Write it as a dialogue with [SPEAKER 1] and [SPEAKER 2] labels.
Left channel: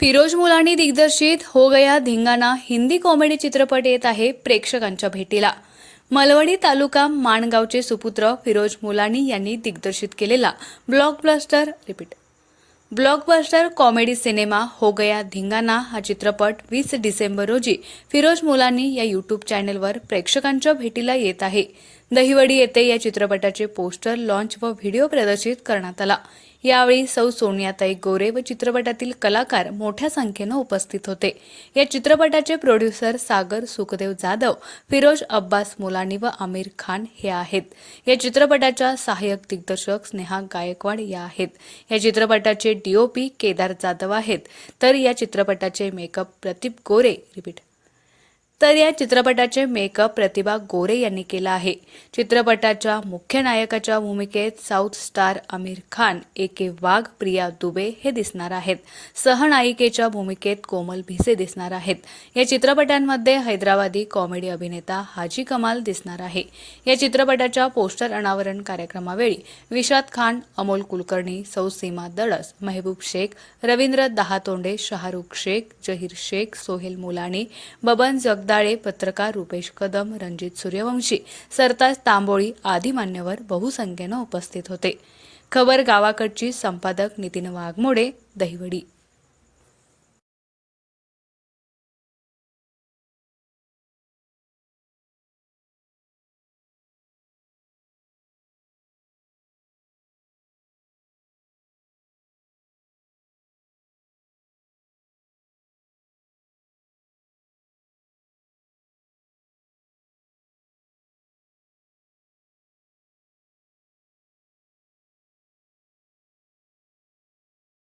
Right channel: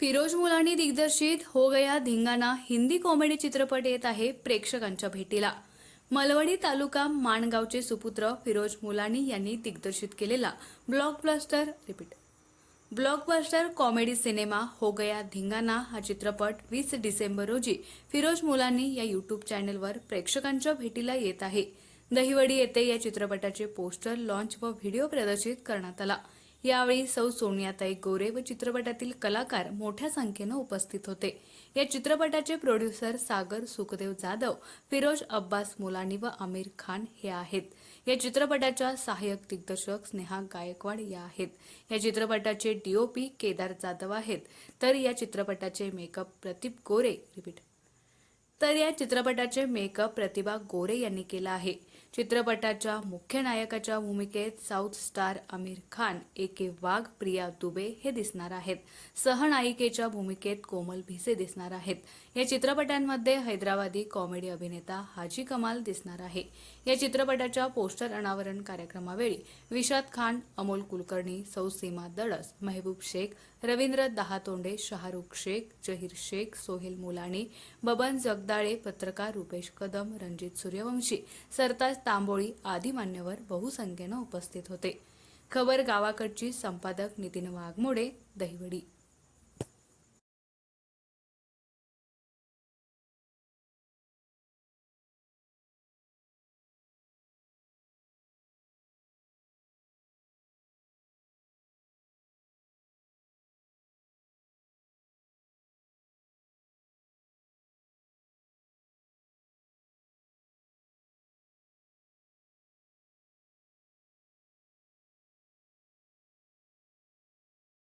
[SPEAKER 1] फिरोज मुलानी दिग्दर्शित हो गया धिंगाणा हिंदी कॉमेडी चित्रपट येत आहे प्रेक्षकांच्या भेटीला. मलवडी तालुका माणगावचे सुपुत्र फिरोज मुलानी यांनी दिग्दर्शित केलेला blockbuster repeat blockbuster comedy cinema Ho Gaya Dhingana हा चित्रपट वीस डिसेंबर रोजी फिरोज मुलानी या यूट्यूब चॅनलवर प्रेक्षकांच्या भेटीला येत आहे. दहिवडी येथे या चित्रपटाचे पोस्टर लॉन्च व व्हिडिओ प्रदर्शित करण्यात आला. यावेळी सौ सोनियाताई गोरे व चित्रपटातील कलाकार मोठ्या संख्येनं उपस्थित होते. या चित्रपटाचे प्रोड्युसर सागर सुखदेव जाधव फिरोज अब्बास मोलानी व आमिर खान हे आहेत. या चित्रपटाच्या सहाय्यक दिग्दर्शक स्नेहा गायकवाड या आहेत. या चित्रपटाचे डीओपी केदार जाधव आहेत. तर या चित्रपटाचे मेकअप प्रदीप गोरे रिपीट. तर या चित्रपटाचे मेकअप प्रतिभा गोरे यांनी केला आहे. चित्रपटाच्या मुख्य नायकाच्या भूमिकेत south star Aamir Khan A K Wagh Priya Dubey हे दिसणार आहेत. सहनायिकेच्या भूमिकेत कोमल भिसे दिसणार आहेत. या चित्रपटांमध्ये हैदराबादी कॉमेडी अभिनेता हाजी कमाल दिसणार आहे. या चित्रपटाच्या पोस्टर अनावरण कार्यक्रमावेळी विशाद खान अमोल कुलकर्णी सौ सीमा दळस मेहबूब शेख रवींद्र दहातोंडे शाहरुख शेख जहीर शेख सोहेल मुलानी बबन जगदाळे पत्रकार रुपेश कदम रणजित सूर्यवंशी सरताज तांबोळी आदी मान्यवर बहुसंख्येनं उपस्थित होते. खबर गावाकडची संपादक नितीन वाघमोडे दहिवडी.